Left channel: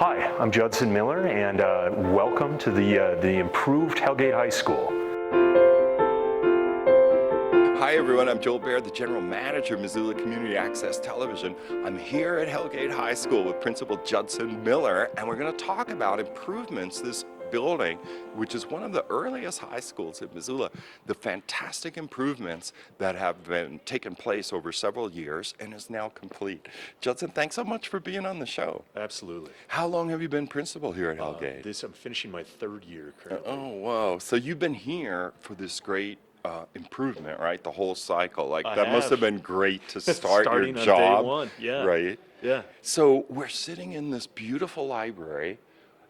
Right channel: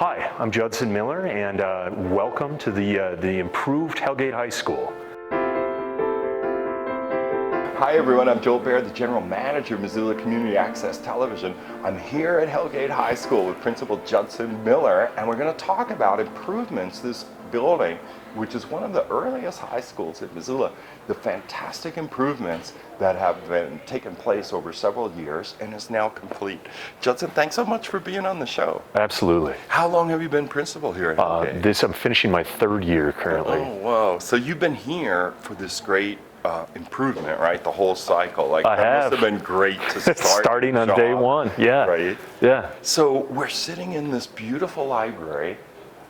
Hi, I'm Judson Miller, and welcome to the improved Hellgate High School. Hi everyone, I'm Joel Baird, the General Manager of Missoula Community Access Television. I'm here at Hellgate High School with Principal Judson Miller, and we're going to talk about improvements to this building, which is one of the earliest high schools in Missoula. The fantastic improvements that have been taken place over several years and is now complete. Judson, thanks so much for being on the show. Absolutely. How long have you been principal here at Hellgate? I'm finishing my third year currently. Oh, whoa. So you've been here for this great improvement, right? The whole cycle. Like must have been great to start starting your on job, day one. Yeah. Right? Yeah. So we're sitting in this beautiful library,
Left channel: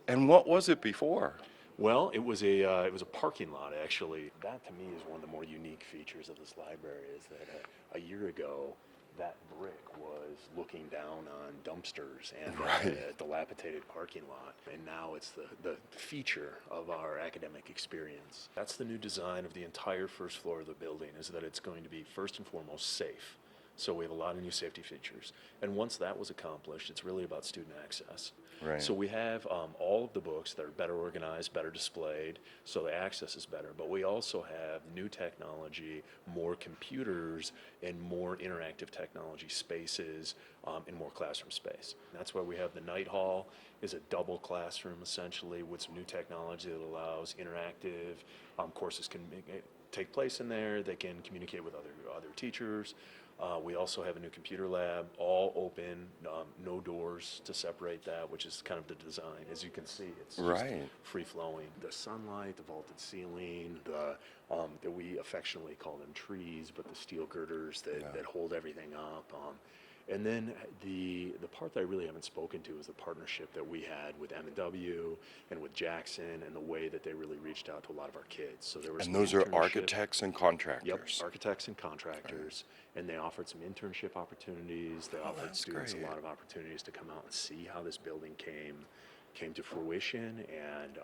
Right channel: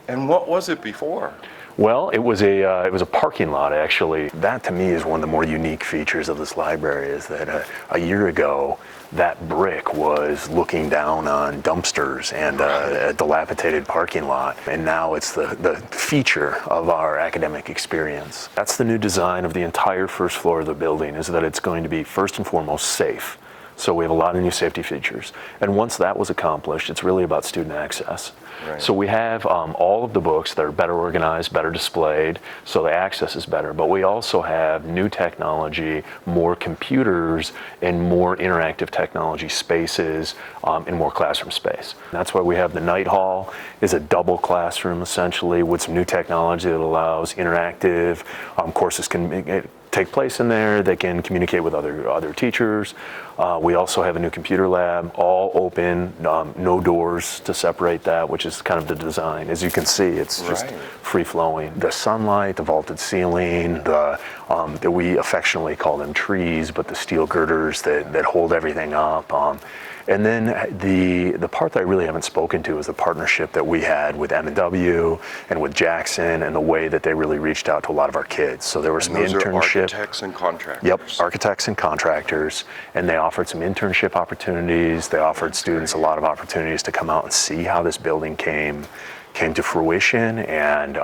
and what was it before? Well, it was a parking lot, actually. That to me is one of the more unique features of this library, is that a year ago that brick was looking down on dumpsters and a dilapidated parking lot, and now it's the feature of our academic experience. That's the new design of the entire first floor of the building, is that it's going to be first and foremost safe. So we have a lot of new safety features. And once that was accomplished, it's really about student access. Right. So we have all of the books that are better organized, better displayed, so the access is better. But we also have new technology, more computers, and more interactive technology spaces, and more classroom space. And that's why we have the night hall is a double classroom, essentially, with some new technology that allows interactive courses can take place in there. They can communicate with other teachers. We also have a new computer lab, all open, no doors to separate that, which is kind of the design. As you can see, it's just free-flowing. The sunlight, the vaulted ceiling, that we affectionately call them trees, but the steel girders that hold everything up. And then the part that I really haven't spoken to is the partnership that we had with M&W and with Jackson, and the way that they really reached out to a lot of our kids. So there were some those internship. Are architects and contractors. Yep, architects and contractors, and they offered some internship opportunities. They offered students a lot of opportunities to come out and see how this building came to fruition. And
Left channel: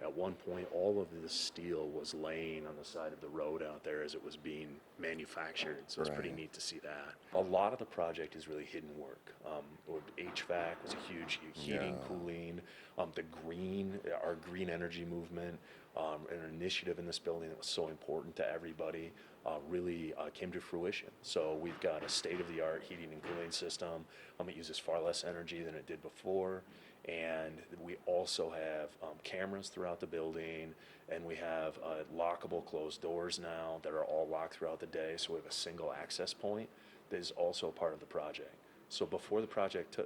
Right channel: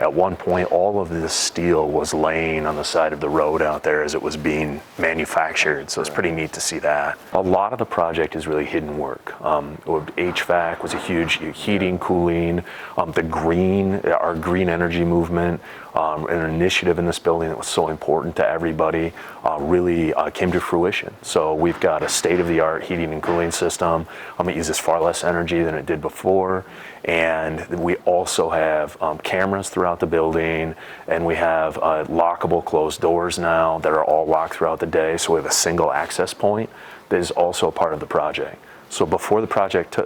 at one point, all of this steel was laying on the side of the road out there as it was being manufactured. So it's pretty neat to see that. A lot of the project is really hidden work. HVAC was a huge heating, cooling, our green energy movement, an initiative in this building that was so important to everybody, really came to fruition. So we've got a state-of-the-art heating and cooling system. It uses far less energy than it did before. And we also have cameras throughout the building, and we have lockable closed doors now that are all locked throughout the day. So we have a single access point that is also a part of the project. So before the project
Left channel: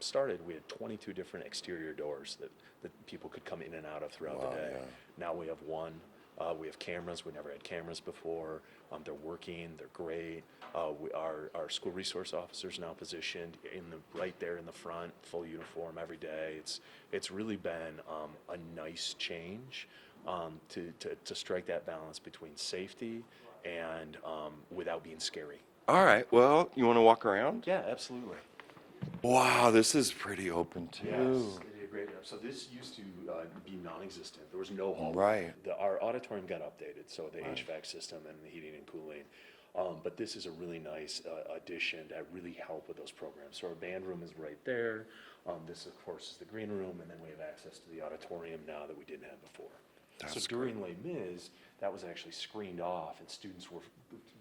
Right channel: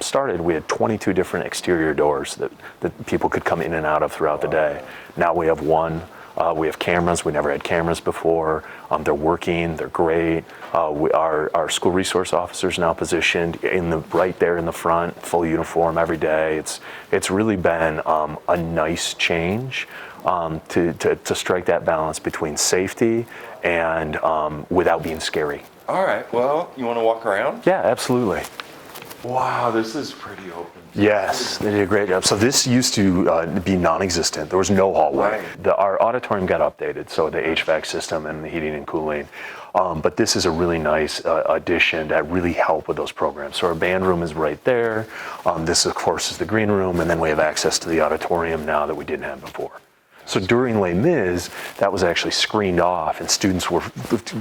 started, we had 22 different exterior doors that people could come in and out of throughout the day. Now we have one. We have cameras. We never had cameras before. They're working. They're great. Our school resource officers now positioned right there in the front, full uniform every day. It's really been a nice change to strike that balance between safety and without being scary. All right. Well, you want to walk around? Yeah, absolutely. Wow, this is pretty open. Yes, they did a great job. So this used to be non-existent. There was no hallway. Right. Our auditorium got updated, so the HVAC system and the heating and cooling. But this is a really nice addition that really help with those programs. So our band room is right there. This, of course, is the green room, and then we have access to the auditorium now that we didn't have before. So during Les Mis, that was actually screened off, and students were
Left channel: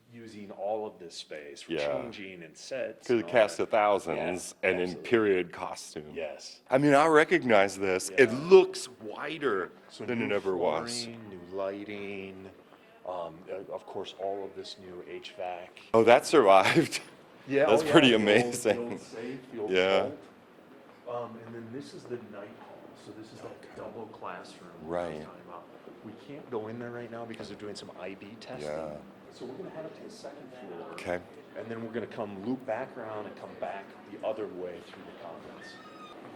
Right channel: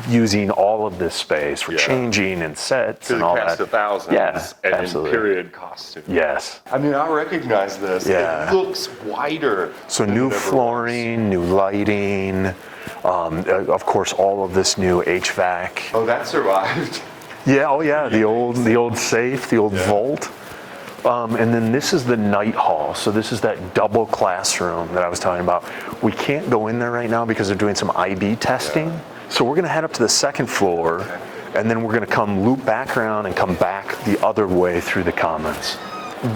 using all of this space for changing and sets and all that. Cast of thousands and absolutely. In period costumes. Yes. I mean, I recognize this. Yeah. It looks wider. So than new it ever flooring, new lighting, of course, all of this new HVAC. Oh, that survived. Yeah, That's the old safe, the old vault. And then this is the night hall. So this is that double classroom that I was talking about. We can't go in there right now because they're doing some IB testing. Yeah. So we're going to head up to the second floor, and then we're going to come loop back around and come back the other way through the commons.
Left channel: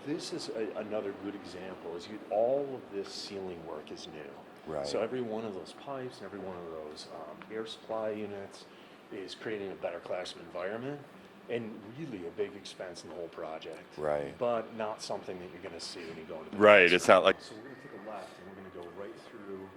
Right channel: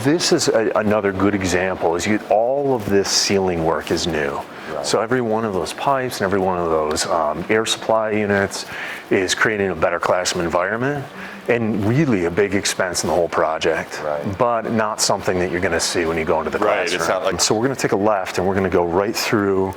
This is another good example. All of this ceiling work is new. Right. So every one of those pipes and every one of those air supply units is creating a better classroom environment, and really a big expense in the whole project, but not something that you're going to see when you go into the classroom. It's not like. So we're going to take a left, and we're going to go right through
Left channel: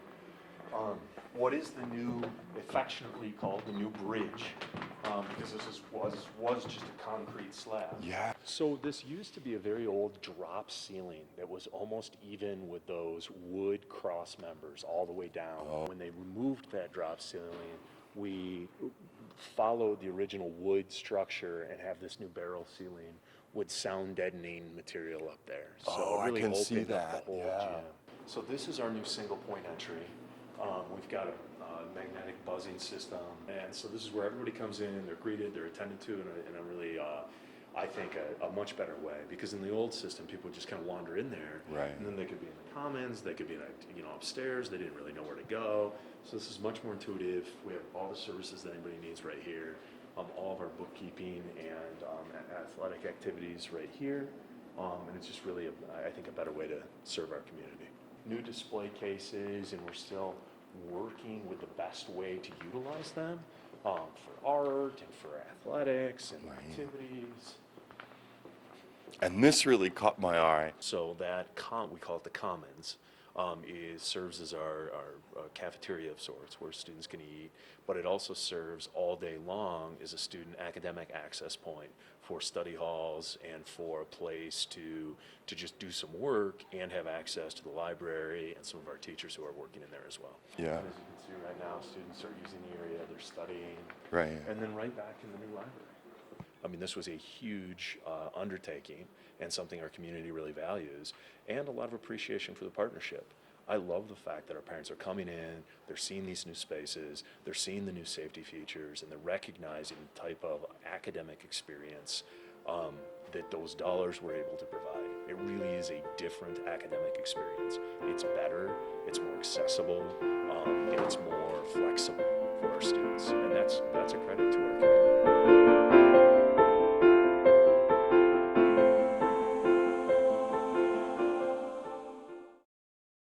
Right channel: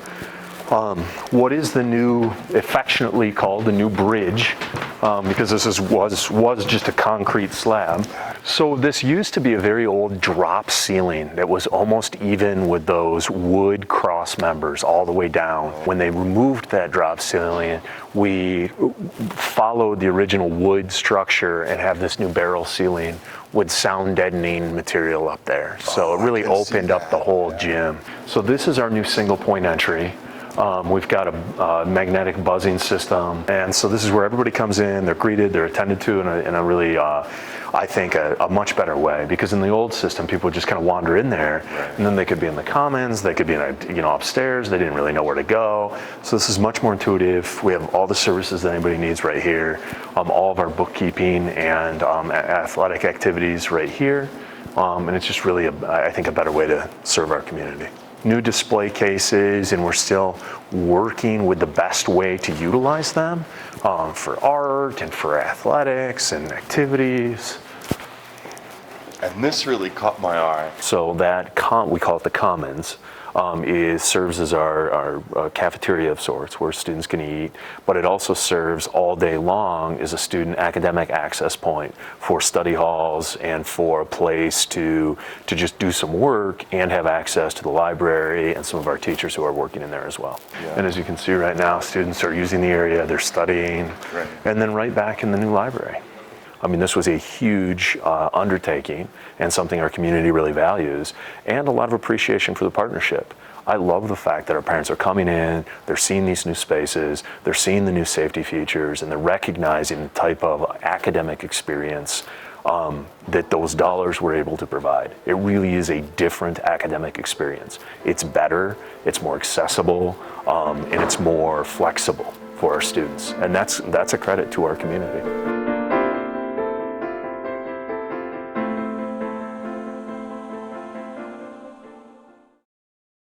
What is the new, affectionately called the new bridge, because was just a concrete slab. So this used to be a very old drop ceiling that was almost even with those wood cross members all the way down. When they removed that drop ceiling, we followed the original wood structure and have this new barrel ceiling with sound deadening material up there. So it really opened up the whole gym. So this is our new single point entry. We've got a magnetic buzzing system, and so this is where everybody comes in, they're greeted, they're attended to in a really, I think, a much better way. Because in the old system, people would just kind of wander in there, and then they could be in the commons, they could be in upstairs, they didn't really know where to go. So this is much more intuitive. We have all the services that anybody needs right here, all of our bookkeeping and athletic activities right here, and it's just really, I think, a better way to serve our community. New display cases, and we're still working with the best way to utilize them for art and for athletics and activities. And this really caught my eye. So that we call it the Commons, serves as our cafeteria of sorts where students can eat, but it also serves all day long as a student academic access point for study halls and for a place to just do some work and have access to the library and some of our teachers who are working in there as well. Yeah. And as you can see right now, students are using the area, they're studying, and then right back in the new library. I mean, this was a huge undertaking and something our community really values, and a lot of appreciation for the partnership. I love the fact that our parents are coming in, they're seeing these new spaces, they're seeing the new safety features, and they're recognizing the type of academic experience that those dollars were able to provide. It really is a different academic experience. It's better, it's more accessible, and it's more flexible for our students, and that's a credit to our community.